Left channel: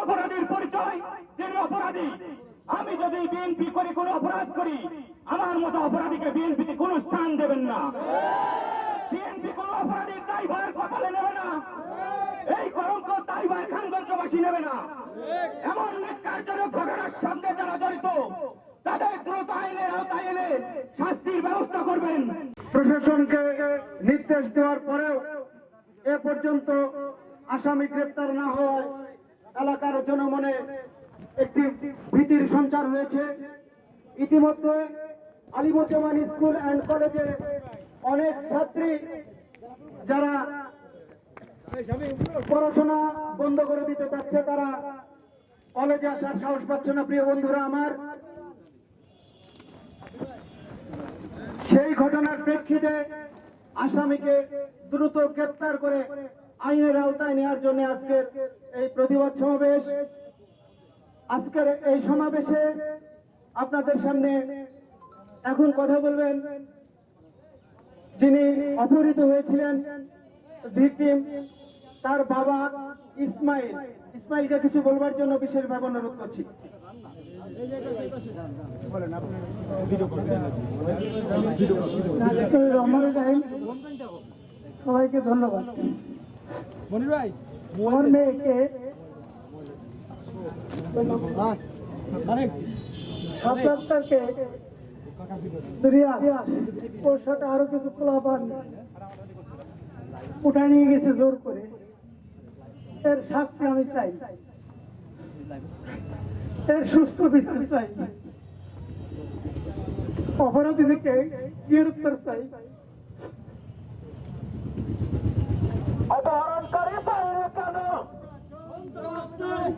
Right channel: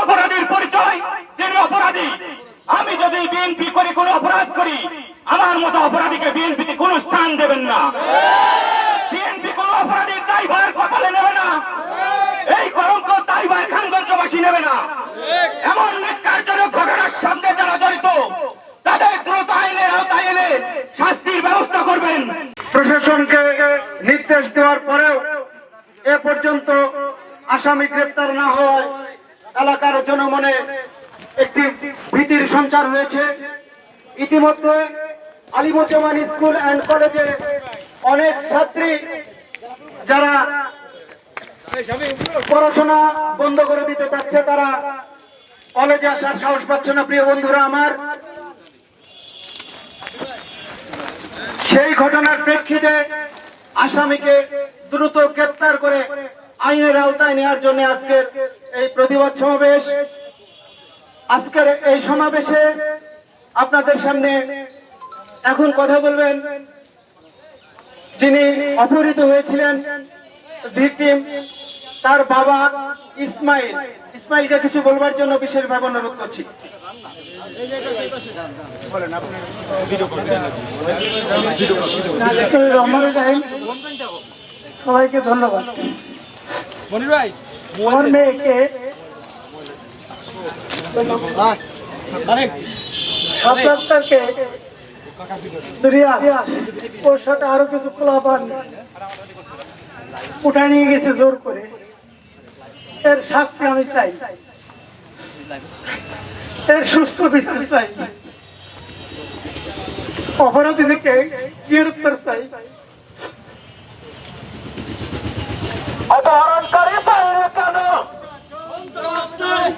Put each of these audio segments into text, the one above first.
অপরাধীর পরিচয়, তিনি অপরাধী। আমি যদি বিএনপি করে কোনো অপরাধ করি, আমার মতো অপরাধীকে বিএনপিতে কোনো স্থান দেবেন না। বিএনপি কোনো অপরাধীর দায়ভার কপালে নেবে না, এই কলঙ্ক দায়ভার খানগঞ্জবাসী নেবে না। এমন ন্যাক্কারজনক ঘটনার সঙ্গে যারা জড়িত, তাদের দ্রুত আইনের আওতায় এনে শাস্তির ব্যবস্থা করবেন। প্রশাসনকে নির্দেশ দেওয়ার পরেও এ পর্যন্ত আসামি গ্রেপ্তার না হওয়ায় এলাকার জনমনে একটি ভীতির সঞ্চার হয়েছে। ইতিমধ্যে আলিমুজ্জামান স্কুল অ্যান্ড কলেজে অনেক ছাত্রী যারা পড়াশোনা বন্ধ করে দিতে চাচ্ছে, তারা কলেজে আসার সাহস পাচ্ছে না। প্রিয় বন্ধুরা আমার, সেই ঘটনার প্রেক্ষিতে আসামিকে দ্রুত গ্রেপ্তার করে আইনের আওতায় নেওয়ার জন্য আজকের এই প্রতিবাদ সমাবেশ। আজকের এই সমাবেশে আপনাদের সামনে এখন কথা বলবেন যিনি অপহৃত হয়েছিলেন, ভিকটিম, তার বাবা ইসমাইল। ইসমাইলকে কিছু বলবার জন্য বিশেষভাবে অনুরোধ করছি। সবাইকে ধন্যবাদ। আমার মেয়েকে 7 তারিখে ওর সাথে আরো কিছু খোলাপান উঠায় নিয়ে গেছে জোর করে। এর শাস্তি আমি চাই, এর সুস্থ বিচার চাই, অপরাধীদেরকে গ্রেপ্তার চাই। অপহরণকারী বাইরে কেন?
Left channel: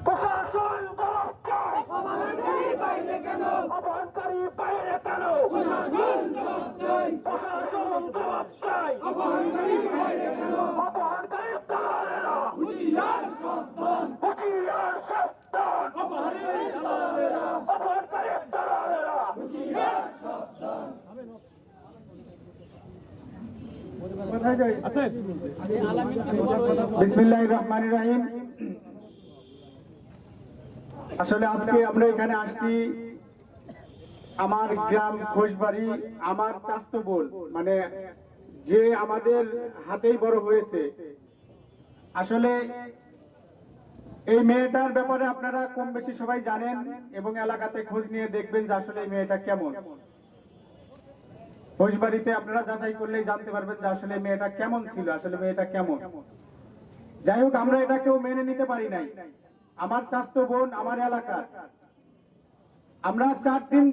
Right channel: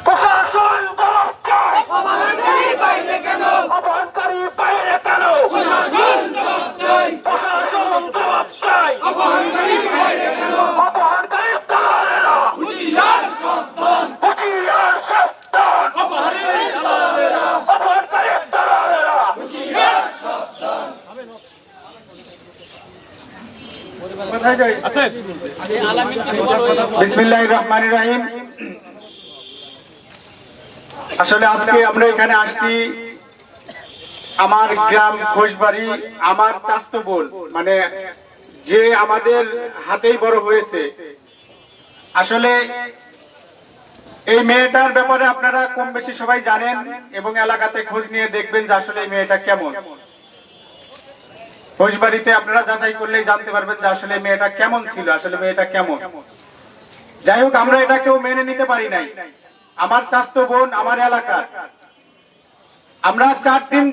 প্রশাসন জবাব চাই। অপহরণকারী বাইরে কেন? অপহরণকারী বাইরে কেন? প্রশাসন জবাব চাই। প্রশাসন জবাব চাই। অপহরণকারী বাইরে কেন? অপহরণকারী দালালেরা হুঁশিয়ার সাবধান, হুঁশিয়ার সাবধান। অপহরণকারী দালালেরা, অপহরণকারী দালালেরা হুঁশিয়ার সাবধান। বিসমিল্লাহির রহমানির রহিম। আসলে আজকে আমরা এখানে আসছি, আমার গ্রাম খোশবাড়ি, আমার চাস্তো বোন, মানে যে আমাদের হাতেই বড় হয়েছে। আসলে এই মেয়েটার ব্যাপারে আপনারা কম বেশি সবাই জানেন এবং এলাকাতে খোঁজ নিয়ে দেখবেন যে আসলে এই মেয়েটা কেমন। খোশবাড়িতে আপনারা যাচাই করলেই জানতে পারবেন যে আসলে মেয়েটা কেমন ছিল, আসলে মেয়েটা কেমন। যাই হোক, আমরা এটা কেউ মেনে নিতে পারি নাই। আমার চাস্তো বোন, আমার এলাকার, আমরা 4 দিন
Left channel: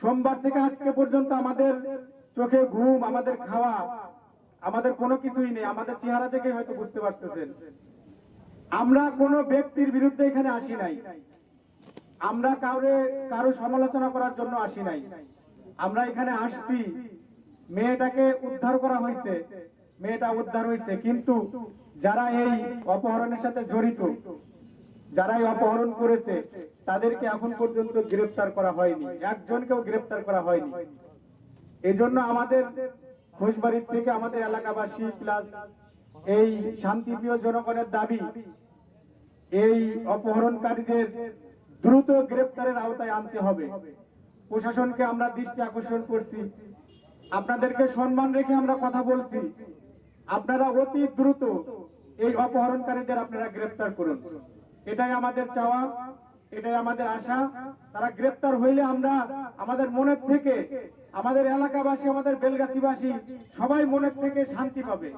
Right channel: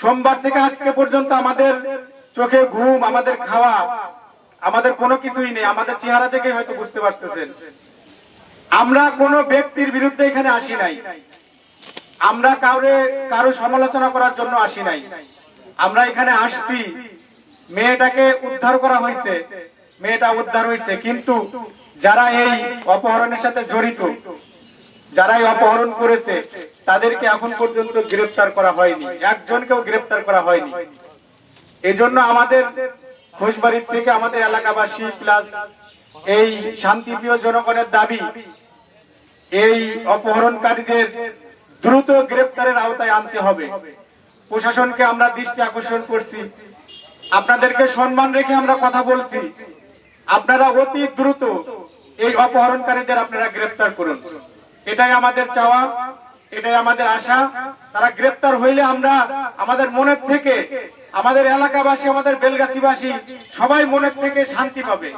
সোমবার থেকে আজকে পর্যন্ত আমাদের চোখে ঘুম, আমাদের খাওয়া, আমাদের কোনো কিছুই নেই। আমাদের চেহারা দেখে হয়তো বুঝতে পারতেছেন আমরা কোনো ব্যক্তির বিরুদ্ধে এখানে আসি নাই, আমরা কারো সমালোচনা করার জন্য আসি নাই। আমরা এখানে আসছি, মেয়েটাকে উদ্ধার করা হয়েছে, মেয়েটা উদ্ধার হয়েছে, কিন্তু যারা এই অপহরণের সাথে জড়িত, যারা এই অপহরণ করেছে, তাদেরকে এখন পর্যন্ত গ্রেফতার করা হয়নি, একজনকেও গ্রেফতার করা হয়নি। এজন্য আমাদের খোশবাড়ির থেকে আমাদের এলাকাবাসী প্লাস এই শান্তিপ্রিয় জনগণের দাবি, এই অপহরণকারীদের দ্রুত গ্রেফতারের আওতায় আনতে হবে। প্রশাসনকে আমরা দৃষ্টি আকর্ষণ করছি, আপনাদেরকে সম্মান রেখে আমরা কথা বলছি, আপনারা অতি দ্রুত এই অপহরণকারীদের আপনারা গ্রেফতার করুন। এটাই আমাদের চাওয়া, এটাই আমাদের আশা। তারা গ্রেফতার হইলে আমরা আমাদের মনের থেকে, আমাদের এলাকাবাসী, আমাদের বেলগাছিবাসী সবাই মনের থেকে শান্তি পাবে।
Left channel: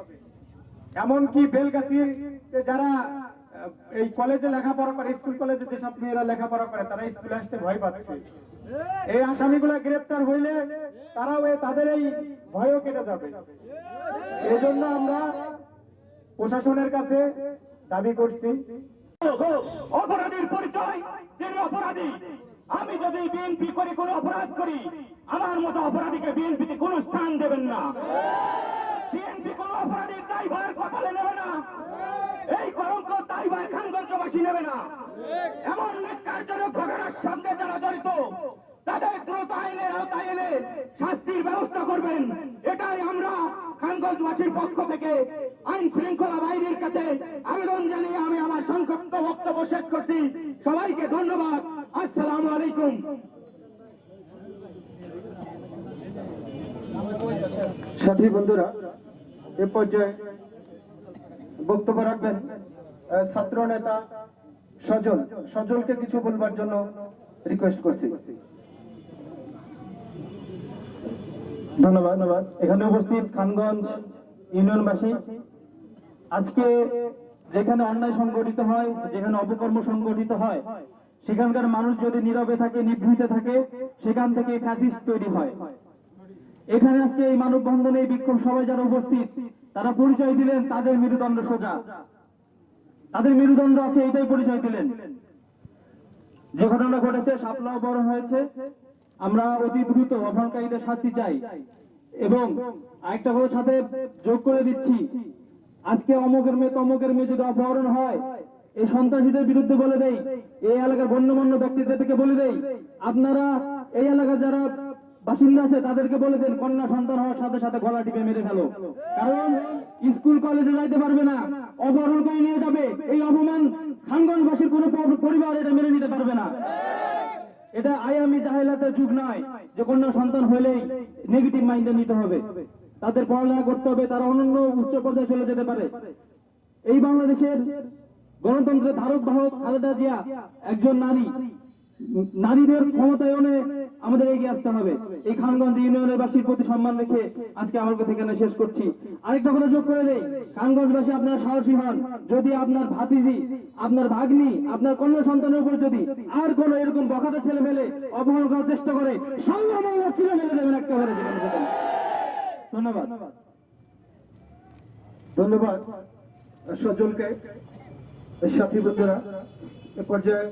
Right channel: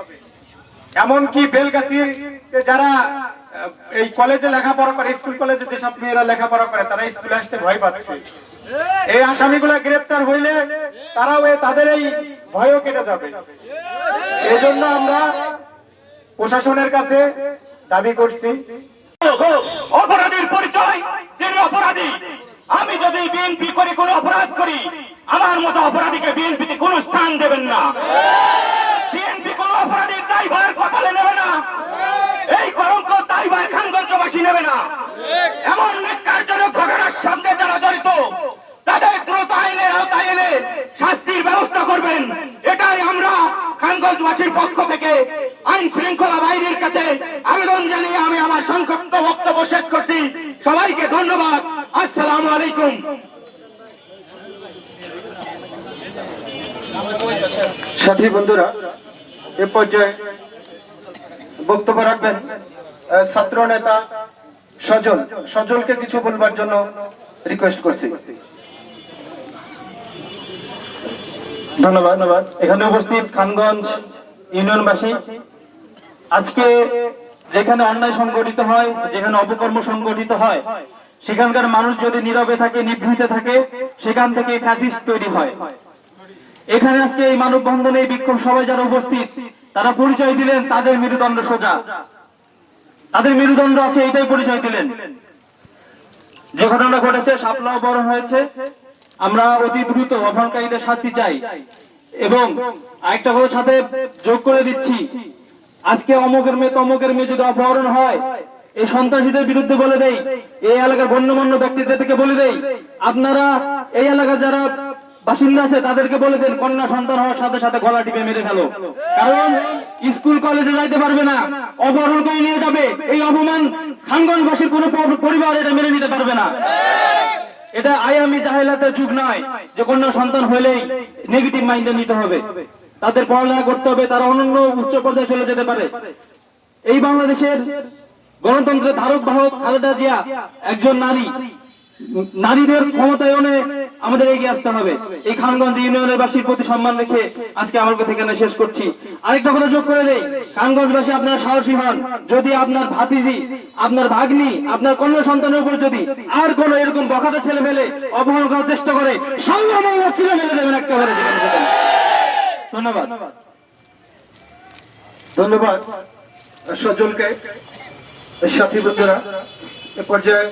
এমনকি বেলগাছির যারা এই কলেজে লেখাপড়া করে, স্কুল কলেজে যেসব মেয়েরা লেখাপড়া করে, তারা স্কুলে আসতে ভয় পাচ্ছে। এই আসামিগুলা গ্রেফতার হইলে তারাও তাদের এই ভয়ও কেটে যাবে। এই জন্য আমরা প্রশাসনের কাছে দাবি করছি, অপরাধীর পরিচয়, তিনি অপরাধী। আমি যদি বিএনপি করে কোনো অপরাধ করি, আমার মতো অপরাধীকে বিএনপিতে কোনো স্থান দেবেন না। বিএনপি কোনো অপরাধীর দায়ভার কপালে নেবে না, এই কলঙ্ক দায়ভার খানগঞ্জবাসী নেবে না। এমন ন্যাক্কারজনক ঘটনার সঙ্গে যারা জড়িত, তাদের দ্রুত আইনের আওতায় এনে শাস্তির ব্যবস্থা করবেন। এটাই আমরা খানগঞ্জবাসীর পক্ষ থেকে আইন শৃঙ্খলা বাহিনীর কাছে আবেদন জানিয়ে আমি আমার সংক্ষিপ্ত বক্তব্য বক্তব্য শেষ করছি। সবাইকে ধন্যবাদ। আসসালামু আলাইকুম। সাথী বন্ধুরা, এ পর্যায়ে বক্তব্য রাখবেন ছাত্র নেতা সজলকে কিছু বলবার জন্য রিকোয়েস্ট করছি। ধন্যবাদ। এখানে উপস্থিত খানগঞ্জ ইউনিয়নবাসী, আজকে যেখানে অন্যায় সংগঠিত হয়, যেখানে অপকর্ম সংগঠিত হয়, সেখানকার মানুষ যদি নীরবে থাকে, নিভৃতে থাকে, সেখান থেকে ফ্যাসিস্ট তৈরি হয়। এখানে আজকে এই মানববন্ধনে এই বিক্ষোভ সভায় যারা উপস্থিত, তারা পরিচয় দিলেন তাদের মেরুদণ্ড সোজা, তাদের মেরুদণ্ড আছে, এইটাই পরিচয় দিলেন। যে ঘটনা ঘটেছে, শাপলা অপহরণ হয়েছে, আমরা অতি দ্রুত অপহরণকারীদের শাস্তি চাই। এবং আরেকটা কথা সাথে যোগ করে দিচ্ছি, আজকে অমুকের মেয়ে তমুকের মেয়ে যদি অপহরণ হয়, এই সন্ত্রাসীদের বিরুদ্ধে বলে দেই, এই এলাকার গণ্যমান্য ব্যক্তিদেরকে বলে দেই, আপনারা এই এলাকার যারা বাসিন্দা আছে তাদেরকে বলে দেন, কন্যা সন্তান হওয়ার সাথে সাথে গলা টিপে মেরে ফেলো। কারণ স্কুল কলেজে যাইতে পারবে না, অপহরণ করে নিয়ে যাবে। এই অপমান খানগঞ্জবাসীর কোন পরিবার এটা মেনে নিতে পারবে না। এটা আয়ামি জাহেলাতের যুগ নয় যে কন্যা সন্তান হলেই নেগেটিভ মাইন্ডে নিতে হবে। তাদের পড়ালেখা করতে হবে, তারা অনন্য উচ্চ পর্যায়ে চলে যেতে পারে। এই বাংলাদেশের গণতন্ত্রের ধারক বাহক খালেদা জিয়া একজন নারী। নারীদের ক্ষমতায়নে আমাদের এগিয়ে আসতে হবে। এই খানগঞ্জ ইউনিয়নের বাসীর প্রতি সম্মান রেখে আজকে আমার কথা এখানে শেষ করছি। আরেকটা কথা যোগ করে দেই, খানগঞ্জবাসী আপনারা সাহসী হন। যদি আপনার ভাতিজি, আপনার ভাগ্নি, আপনার কন্যা সন্তানের উপর যদি আর কোন এরকম বখাটে ছেলে মেলে অপহরণ করার চেষ্টা করে, সাল্লাল্লাহু ছেলে মেলে দেবেন একেবারে। ধন্যবাদ সজলকে। সাথী বন্ধুরা, এ পর্যায়ে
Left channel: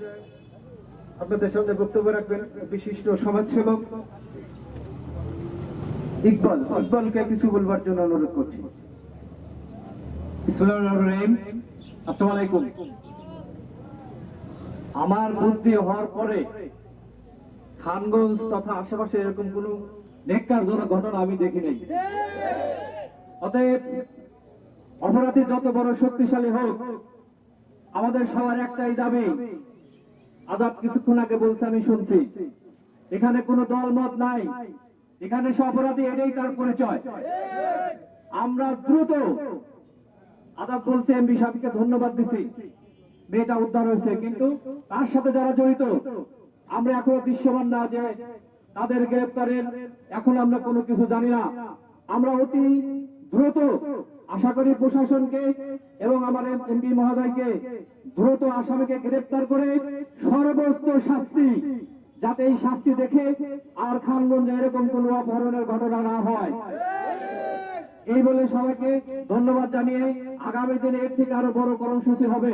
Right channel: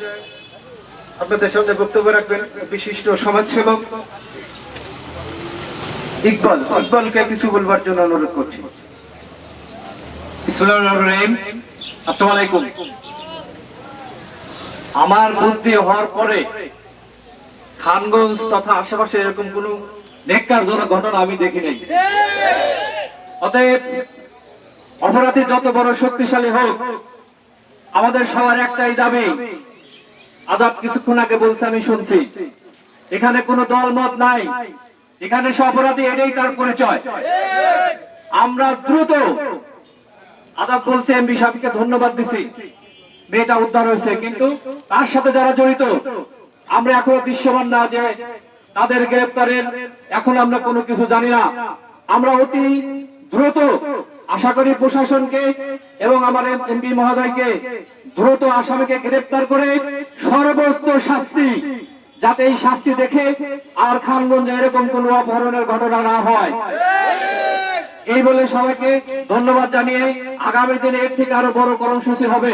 আপনাদের সামনে বক্তব্য রাখবেন বিশিষ্ট সমাজসেবক ইকবালকে কিছু বলবার জন্য অনুরোধ করছি। আসসালামু আলাইকুম। আমার বুদ্ধি হওয়ার পরে খানগঞ্জ তথা আশেপাশে এরকম কোন নেককারজনক ঘটনা আমি দেখি নাই। অতএব অপরাধী যত বড় শক্তিশালী হোক, আমাদের সবার একটাই দাবি। আজাদ কিছুক্ষণ আগে বলছে, আমি শুনছি, এখানে কোনো দলমত নাই, এখানে সব অপরাধী, এটাই তার পরিচয়। আমরা দ্রুত, আজাদ বলছে এমপি সাহেবকে ধন্যবাদ দিছি, মেয়েটা উদ্ধার হয়েছে, কিন্তু তার সাথে যারা জড়িত আমরা এখনো দৃশ্যমান না যে তাদের গ্রেপ্তারের এখন আমরা কোনো কিছু জানি না। আমরা অতি দ্রুত আশা করি প্রশাসনকে এবং আমার এমপি মহোদয়কে দ্রুত আসামিকে গ্রেপ্তার করে সর্বোচ্চ শাস্তি, যাতে এই শাস্তি দেখে আর খানগঞ্জে এরকম কোন অপহরণের ঘটনা না হয়। এই বলে সবাইকে ধন্যবাদ জানিয়ে আগামী দিনে এর থেকে আরো বড় কর্মসূচি হবে,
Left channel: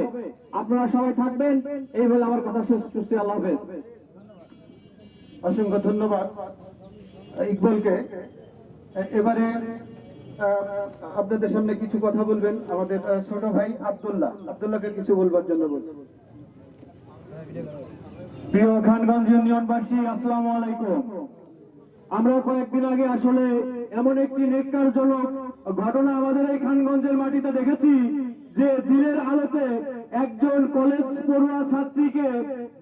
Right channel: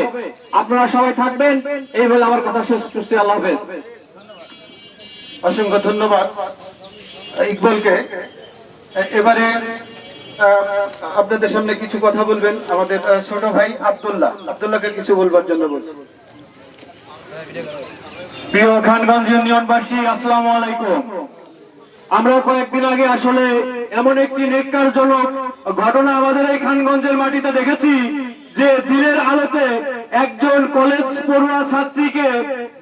আপনারা সবাই থাকবেন, এই বলে আমার কথা শেষ করছি। আল্লাহ হাফেজ। অসংখ্য ধন্যবাদ ইকবালকে। এবারে আপনাদের সামনে কিছু কথা বলবেন আমাদের ছোট ভাই আব্দুল্লাহকে কিছু বলবার জন্য বলছি। প্রিয় খানগঞ্জ ইউনিয়নবাসী, আসসালামু আলাইকুম। আমরা কয়েকদিন আগে আসলে এমন একটি নেককারজনক ঘটনা আমাদের এই খানগঞ্জের মাটিতে দেখেছি, যে দিনের আলোতে একজন কলেজ পড়ুয়া ছাত্রীকে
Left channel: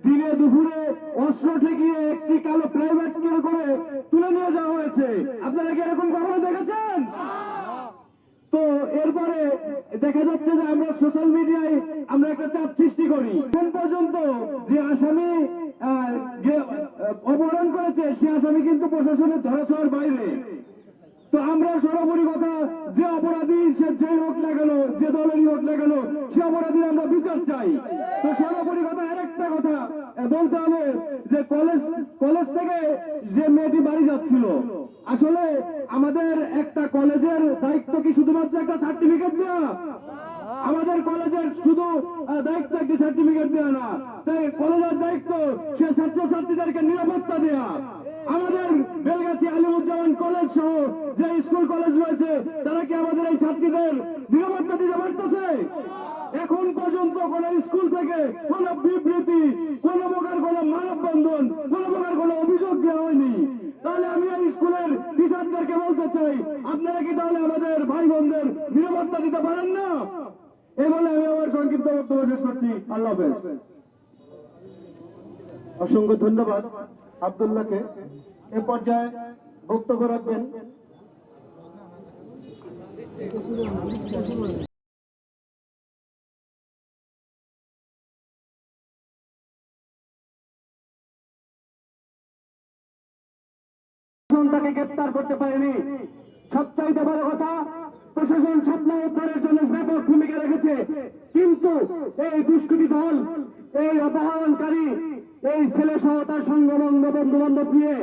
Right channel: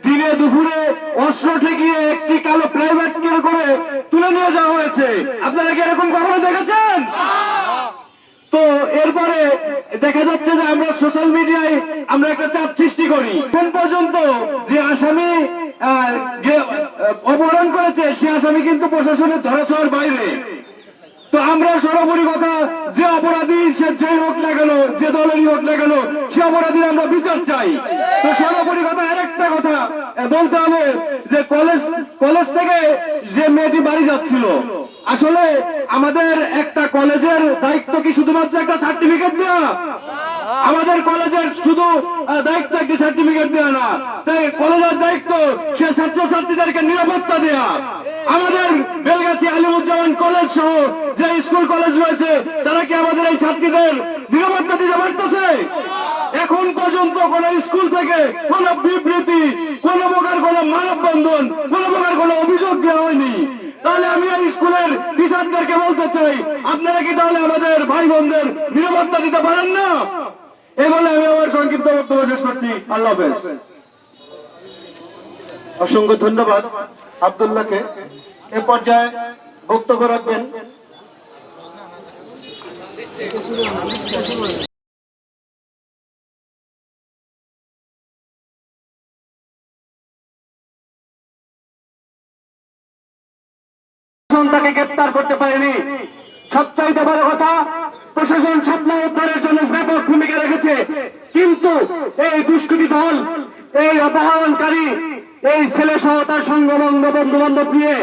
দিনে দুপুরে অস্ত্র ঠেকিয়ে একটি কালো প্রাইভেট কার করে তুলে নিয়ে যাওয়া হয়েছে। আপনারা কি এরকম কখনো দেখেছেন? তো এরপরে দেখা যাচ্ছে যে আমরা সোশ্যাল মিডিয়ায় আমরা একটা চাপ সৃষ্টি করি। কোন পর্যন্ত যে আসামি অপহরণ করেছে সে আসামি কিন্তু প্রশাসনের ধরাছোঁয়ার বাইরে। তো আমরা সর্বোপরি কথা, যে অপরাধী সে যে হোক না কেন, যে দলেরই হোক না কেন, সে অপরাধীর আমরা বিচার চাই। তো সর্বোপরি কথা, আরেকটা কথা বলতে হবে যে কলেজ থেকে যে মেয়েটি বাড়ি যাচ্ছিল, আসলে আমাদের একটা কলেজের দায়িত্ব কি শুধুমাত্র একটা সার্টিফিকেট দেওয়া? আমাদের কলেজের শুধু দায়িত্ব একটি সার্টিফিকেট দেওয়া না, তাই কলেজের দায়িত্ব সে ছাত্রছাত্রীদেরকে নিরাপত্তা দেওয়া। আমাদের বেলগাছি আলিমুজ্জামান কলেজ সহ যে স্কুল কলেজ রয়েছে, তারা কি আমাদের এই ছাত্রীদের নিরাপত্তা দিতে পারতেছে? এখন পর্যন্ত কোন স্কুল থেকে কোন বিবৃতি, কোন প্রকার কোন মানববন্ধন, কোন প্রকার কোন অভিযোগ দেওয়া হয়নি। তাহলে আমি এই স্কুলের টিচারদেরকে বলতে চাই, আপনারা কি তাহলে আমাদের ভাই বোনদের নিরাপত্তা দিতে পারেন না? এই বলে আমি আমার সংক্ষিপ্ত বক্তব্য শেষ করছি। আল্লাহ হাফেজ। অসংখ্য ধন্যবাদ আব্দুল্লাহকে। এ পর্যায়ে বক্তব্য রাখবেন তাকে গ্রেপ্তার করতে পারেনি। সবচাইতে বড় কথা, প্রশাসন স্বপ্ন উদ্ধারের জন্য ব্যাপক ভূমিকা রেখেছে, কিন্তু এই দুষ্কৃতী দল, এই অপহরণকারী, এই ছেলে সহ তার সঙ্গবন্ধ বন্ধু বান্ধব নিয়ে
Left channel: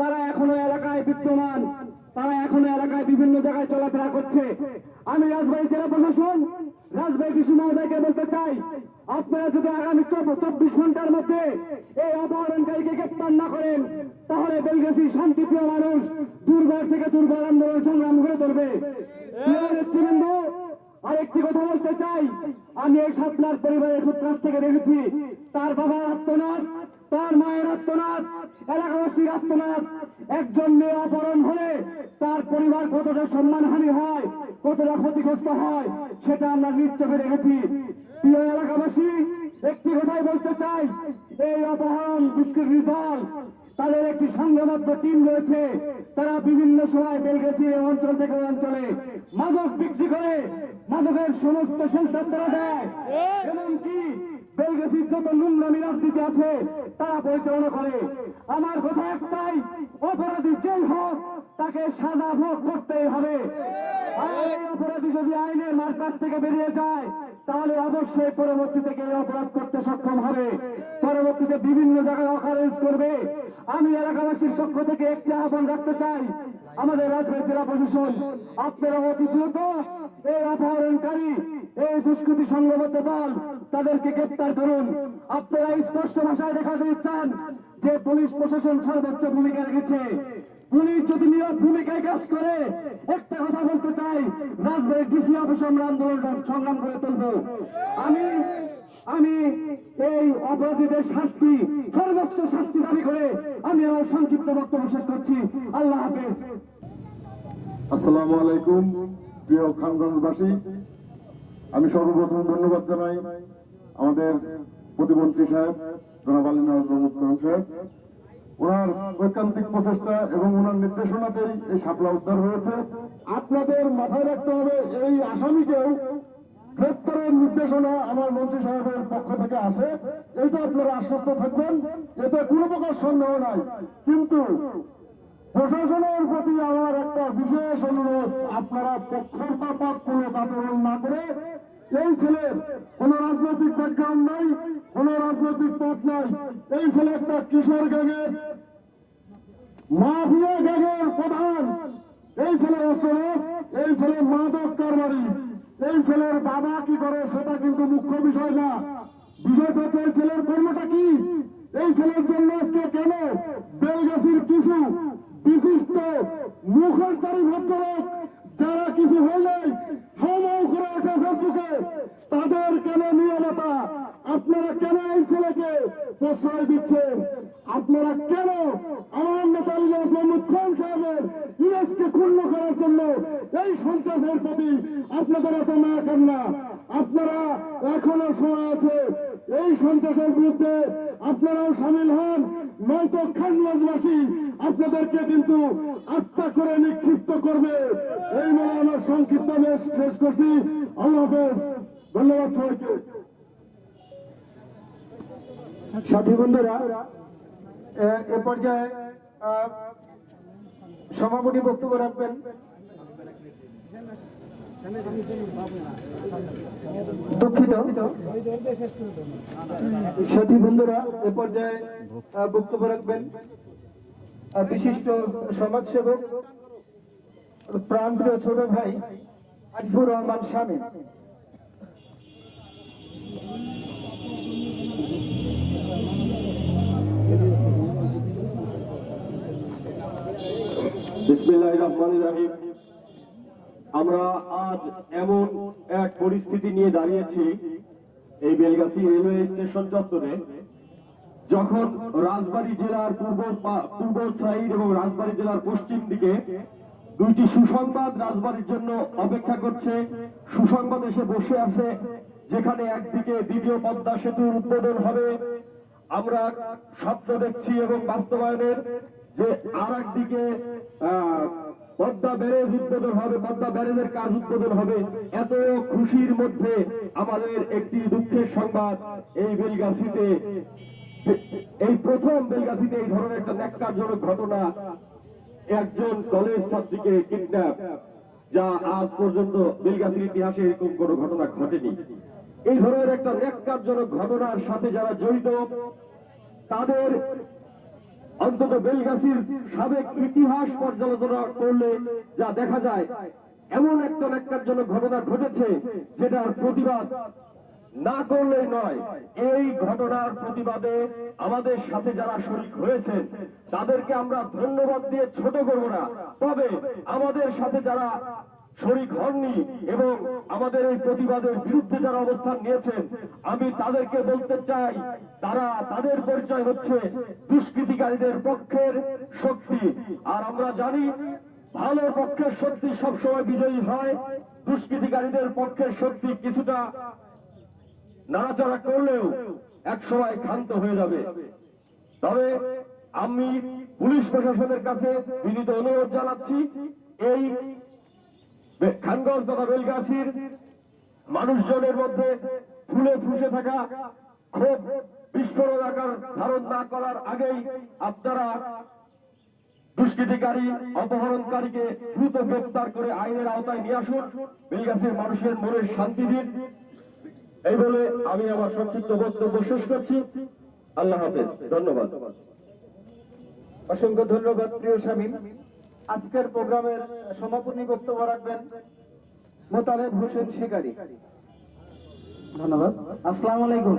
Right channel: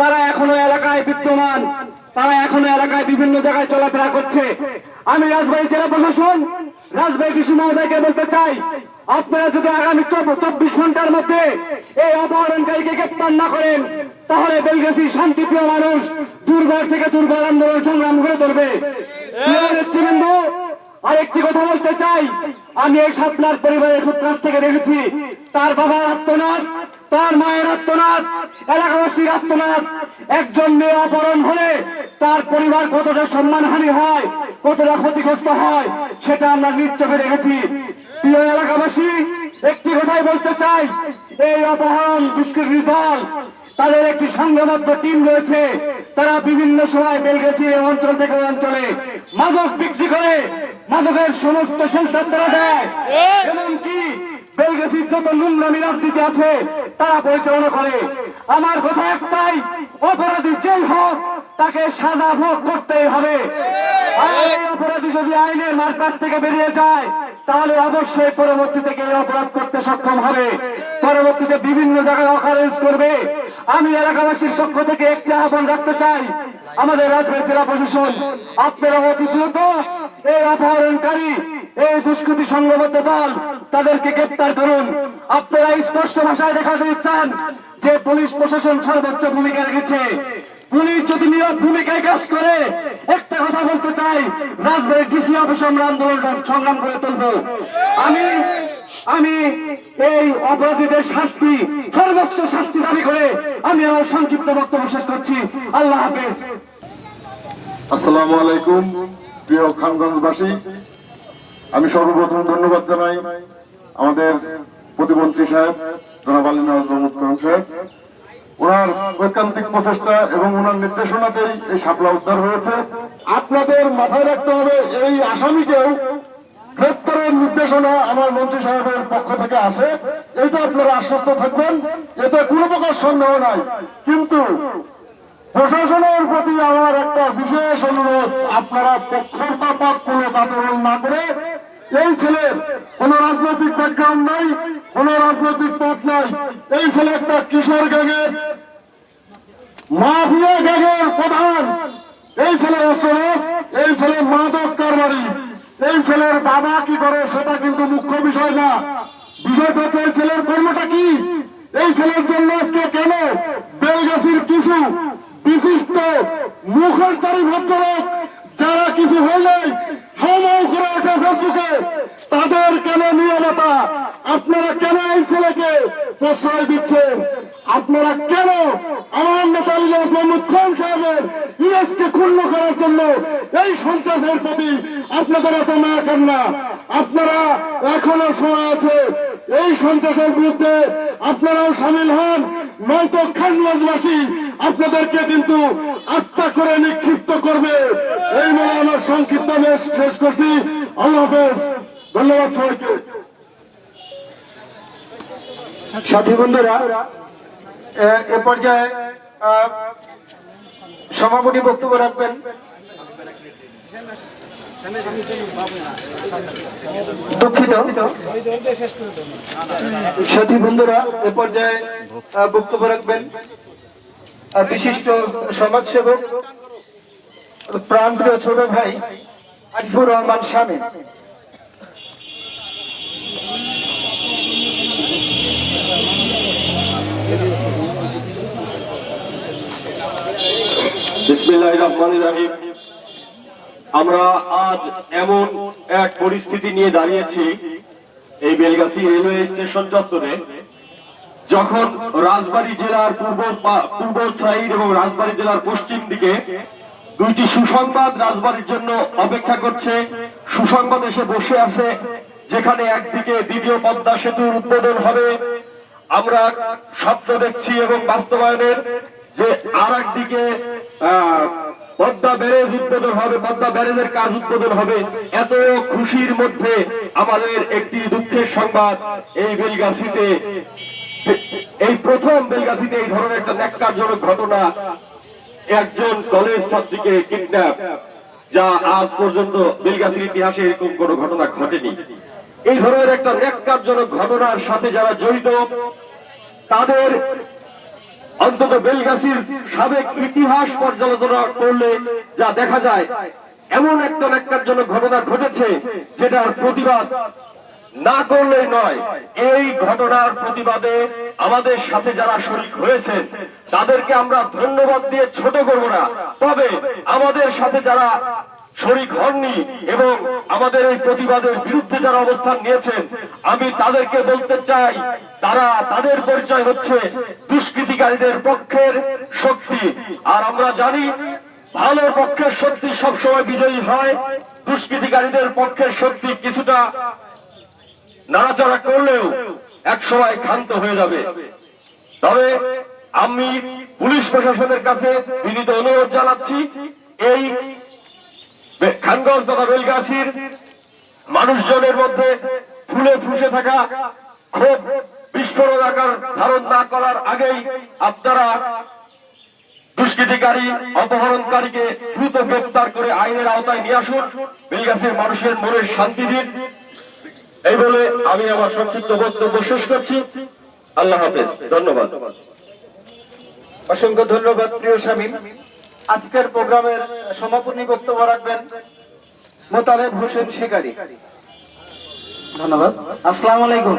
তারা এখনো এলাকায় বিদ্যমান, তারা এখনো এলাকায় বিভিন্ন জায়গায় চলাফেরা করছে। আমি রাজবাড়ী জেলা প্রশাসন, রাজবাড়ী কৃষি মহোদয়কে বলতে চাই, আপনারা যদি আগামী 24 ঘন্টার মধ্যে এই অপহরণকারীকে গ্রেপ্তার না করেন, তাহলে বেলগাছি শান্তিপ্রিয় মানুষ দুর্বার থেকে দুর্বার আন্দোলন সংগ্রাম করে ধরবে। প্রিয় নেতৃবৃন্দ, আরেকটি কথা বলতে চাই, আমি এই সাতনার পরিবারের কাছ থেকে দেখেছি তার বাবার আত্মনাদ, তার মায়ের আত্মনাদ, এলাকাবাসীর আত্মনাদ। একজন মেয়ে অপহরণ হলে তার পরিবার কতটা সম্মানহানি হয়, কতটা ক্ষতিগ্রস্ত হয়, সেটা আমরা নিজ চোখে দেখেছি। প্রিয় এলাকাবাসী, একটি কথাই বলতে চাই, এই অপহরণ দুষ্কৃতী দল, তাদের একটি সংঘবদ্ধ টিম রয়েছে। তারা বিভিন্ন সময় বেলগাছি অঞ্চল থেকে অঞ্চলে মাদক বিক্রি করে, মাদকের সমস্ত সেন্টার তারা দেয়, এমনকি বেলগাছির যত নোংরামি রাজনীতি আছে তারা পরিচালনা করে। আমার কথা একটাই, অপরাধী যেই হোক তাকে সাজা ভোগ করতেই হবে। আর এই অপরাধী যদি আইনের মারকাজ থেকে বেরিয়ে যায়, তাহলে অবশ্যই পরবর্তীতে কেউ অপরাধ করতে সক্ষম হবে, পরবর্তীতে বিভিন্ন জায়গায় অকারেন্স করবে। আমি এলাকাবাসীর পক্ষ থেকে একটি আহ্বান রাখতে চাই, আমাদের রাজবাড়ী জেলা প্রশাসন, আপনারা অতি দ্রুত এই অপহরণকারী, এই দুষ্কৃতী সংঘবদ্ধ দল, তাদেরকে গ্রেপ্তার করুন। আপনারা স্পষ্ট ভাষায় দেখাতে চান যে পুলিশ প্রশাসন সর্বোচ্চ ভূমিকা রেখেছে। পুলিশ যদি নীরব ভূমিকায় কাজ করে, একটা কথা বলতে চাই, রাজবাড়ীর ডিসি অফিসে আমরা আন্দোলন সংগ্রাম করে তুলব। আমি এই অপরাধীদের শাস্তি, সর্বোচ্চ শাস্তি দাবি করে আমি আমার সংক্ষিপ্ত বক্তব্য শেষ করছি। আল্লাহ হাফেজ। আসসালামু আলাইকুম প্রিয় খানগঞ্জবাসী, আমি সর্বপ্রথম ধন্যবাদ জানাই আমাদের প্রতিমন্ত্রী সাহেব জনাব আলী নওয়াজ মোহাম্মদ করম সাহেব। ওনার ঐকান্তিক প্রচেষ্টা এবং ওনার নির্দেশনাতেই এই শাপলা উদ্ধার হয়েছে। আপনাদের মাথায় রাখতে হবে, এই আসামিকেও গ্রেপ্তারের নির্দেশনা আমার মন্ত্রী সাহেবের পক্ষ থেকে আছে, এইটা আপনারা আশ্বস্ত থাকবেন, এতে কোনো প্রকার সন্দেহ নাই। কিন্তু প্রশাসনের প্রতি আমার একটা বিশেষ অনুরোধ, আপনারা পক্ষপাত কোনো আচরণ না করে, এই ছেলের কোন রাজনৈতিক ব্যাকগ্রাউন্ড নাই, কোন রাজনৈতিক পথ নাই, এই ছেলে একটা কিশোর গ্যাংয়ের, মাফিয়া গ্যাংয়ের প্রধান, এই ছেলের অস্ত্র, এই ছেলে মাদক কারবারি। এই ছেলের বাবা কি করে সেটা কিন্তু মুখ্য বিষয় না, বিষয়টা হচ্ছে এই ছেলের কর্মটা কি। এই ছেলের জন্য আজকে কেন বেলগাছির কিছু বিশিষ্ট মুখোশধারী ভদ্রলোক, যারা কিছু হলেই হাউ করে ওঠে ফেসবুকে, তাদের কেন নিয়মতা? আপনারা কেন এই ছেলেকে প্রশ্রয় দিচ্ছেন? আপনারা কেন আমার নেতা মোহাম্মদ খান সাহেবের ইমেজকে ক্ষুণ্ণ করার জন্য এই সন্ত্রাসের প্রতি আপনাদের এত মায়া কান্না? আপনারা এখনো সময় আছে, এই সন্ত্রাসের বিরুদ্ধে আপনারাও সামিল হন, নয়তো খানগঞ্জবাসী আপনাদেরকে কিন্তু আস্থা করে নিক্ষিপ্ত করবে। এই বলে আমার সংক্ষিপ্ত শেষ করছি। আল্লাহ হাফেজ, ধন্যবাদ সবাইকে। সাথী বন্ধুরা, এ পর্যায়ে সভাপতি বক্তব্য রাখবেন দুঃখিত। সাথী বন্ধুরা, এ পর্যায়ে বক্তব্য রাখবেন বিশিষ্ট সমাজসেবক, প্রাণপ্রিয় ছোট ভাই আরিফুর রহমান শামীম। বিসমিল্লাহির রহমানির রহিম। আমরা আজ এমন এক পরিস্থিতি নিয়ে দাঁড়িয়েছি এই বেলগাছি রেলওয়ে স্টেশন চত্বরে, যখন রাজবাড়ী জেলার পূর্ব সাইড এবং রাজবাড়ী জেলার পশ্চিম দিকে দুইটি সুসংবাদ রাজবাড়ীর জন্য অপেক্ষা করছে। সুসংবাদ এসে বসে আছে যেখানে একদিকে দ্বিতীয় পদ্মা সেতুর উদ্বোধন হবে, আমরা স্বপ্ন দেখছি এবং বাস্তবায়নের, যে আর একদিকে পদ্মা ব্যারেজ উদ্বোধন হবে, পদ্মা ব্যারেজের কাজ উদ্বোধন হবে। এত খুশির মধ্যে আমাদের একটি দুঃখের সংবাদ, এই বেলগাছিতে, এই প্রথম বেলগাছিতে এই ধরনের একটা ন্যাক্কারজনক ঘটনা, একজন কলেজ ছাত্রীকে কিডন্যাপ, যা আজ পর্যন্ত বেলগাছির ইতিহাসে এরকম কোন ঘটনা ঘটেনি। এই ধরনের একটা ন্যাক্কারজনক ঘটনার সাথে যারা জড়িত, তাদের অন্তত বেলগাছির সাবেক ইতিহাস পর্যালোচনা করলে যা দেখা যায়, এমন একটা ন্যাক্কারজনক ঘটনা ঘটেছে যেটার প্রতিবাদ না করলেই নয়। এই ঘটনার প্রতিবাদে আমাদের সাথে যারা শরীক হয়েছেন তাদেরকে আমরা ধন্যবাদ দিয়ে ছোট করব না, তবে আমাদের সাথে যারা শরীক হননি এবং আমাদের এই প্রতিবাদের বিরুদ্ধে যারা অবস্থান নিয়েছেন, আমি তাদেরকে বলতে চাই, তারা, তাদের পরিচয় হচ্ছে দুষ্কৃতিকারীদের পক্ষের শক্তি। আর আমরা জানি ভালো পক্ষের শক্তি সবসময় বিজয়ী হয়, দুষ্কৃতিকারীদের পক্ষের শক্তি কিছুটা নাড়াচাড়া করলেও একসময় ক্ষান্ত হয়ে যাবে। তবে আমি পুলিশ প্রশাসনের কাছে বিনীত অনুরোধ জানাচ্ছি, এই খানগঞ্জ তথা বেলগাছির মানুষজনের মধ্যে ফুলে ফুসে থাকা ক্ষোভ বিস্ফোরণ আকার ধারণ না করার আগেই আপনারা দুষ্কৃতিকারী, অপহরণকারীকে দ্রুত গ্রেফতার করে আইনের আওতায় নিয়ে আসুন, বেলগাছির মানুষের মনের শান্তি দিন। এই বলে আমি আমার সংক্ষিপ্ত বক্তব্য শেষ করছি। আল্লাহ হাফেজ, ধন্যবাদ। অসংখ্য ধন্যবাদ প্রিয় শামীম। আজকের প্রোগ্রামের সমাপনী বক্তব্য রাখবেন মোতালেব হোসেন শিকারী। ধন্যবাদ। আসসালামু আলাইকুম।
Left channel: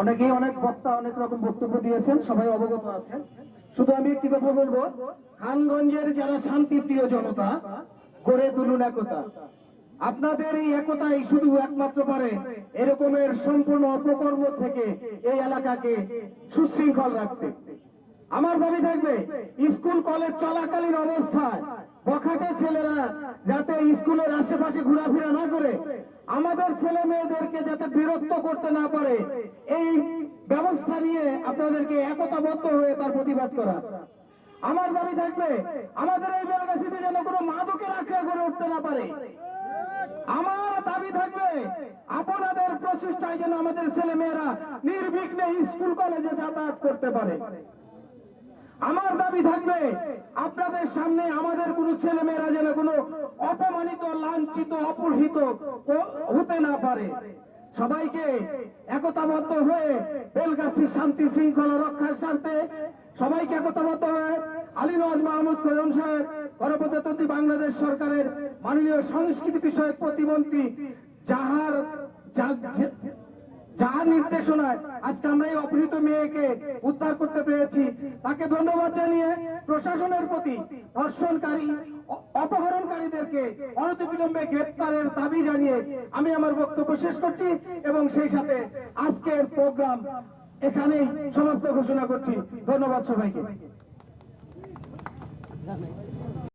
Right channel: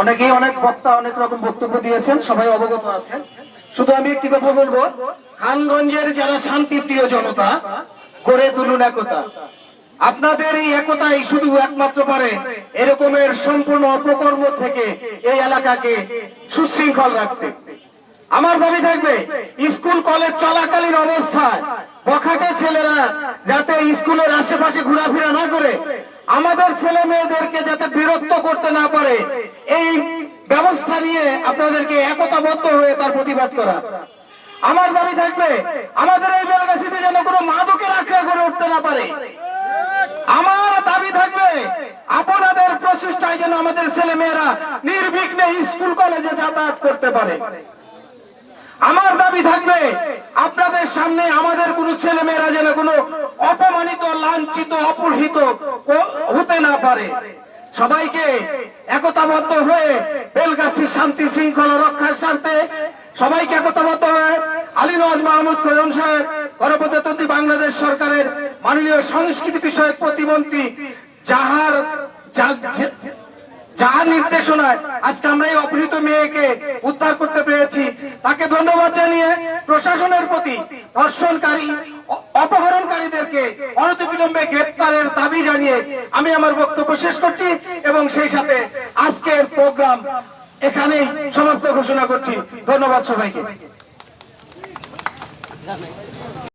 অনেকেই অনেক বক্তা অনেক রকম বক্তব্য দিয়েছেন, সবাই অবগত আছেন। শুধু আমি একটি কথা বলবো, খানগঞ্জের যারা শান্তিপ্রিয় জনতা, গড়ে তুলুন একতা। আপনাদের এই একতাই শুধু একমাত্র পারে এরকমের সম্পূর্ণ অপকর্ম থেকে এই এলাকাকে সুশৃঙ্খল রাখতে। আমার দাবি থাকবে, স্কুল কলেজ চলাকালীন অবস্থায় বখাটে ছেলেরা যাতে স্কুলের আশেপাশে ঘোরাফেরা না করে, আমাদের ছেলে মেয়েদেরকে যাতে বিরক্ত করতে না পারে, এই ব্যবস্থা নিয়ে আপনাদেরকে একতাবদ্ধ হয়ে তার প্রতিবাদ করা। আমার দাবি থাকবে, আমাদের এই বেলগাছিতে যেন কোনো মাদকের আখড়া করে উঠতে না পারে। আমার দাবি থাকবে, আপনাদের প্রচেষ্টায় যেন আমাদের ছেলে মেয়েরা নির্বিঘ্নে স্কুল কলেজে যাতায়াত করতে পারে। আমার দাবি থাকবে, আপনাদের সামনে আমাদের কোন ছেলে মেয়েরা যেন কোনো অপমানিত, লাঞ্ছিত, অপহৃত হতে না পারে। সবাইকে একতাবদ্ধ হয়ে বেলগাছির শান্তি শৃঙ্খলা রক্ষার স্বার্থে সবাইকে একতাবদ্ধ হয়ে আলী নওয়াজ মাহমুদ খোকন সাহেব, গণপ্রজাতন্ত্রী বাংলাদেশ সরকারের মাননীয় সংস্কৃতি বিষয়ক প্রতিমন্ত্রী, যার নির্দেশনায় আজকে আমরা এই অপহৃত মেয়েকে উদ্ধার করতে পেরেছি, তাকে ধন্যবাদ জানিয়ে প্রশাসনের প্রতি ধর্ষণকারী, অপহরণকারীদেরকে অনতিবিলম্বে গ্রেপ্তারের দাবি জানিয়ে আমি আমার বক্তব্য শেষ করছি এবং সেই সাথে আজকের প্রোগ্রাম এখানেই সমাপ্ত ঘোষণা করছি। ধন্যবাদ সবাইকে।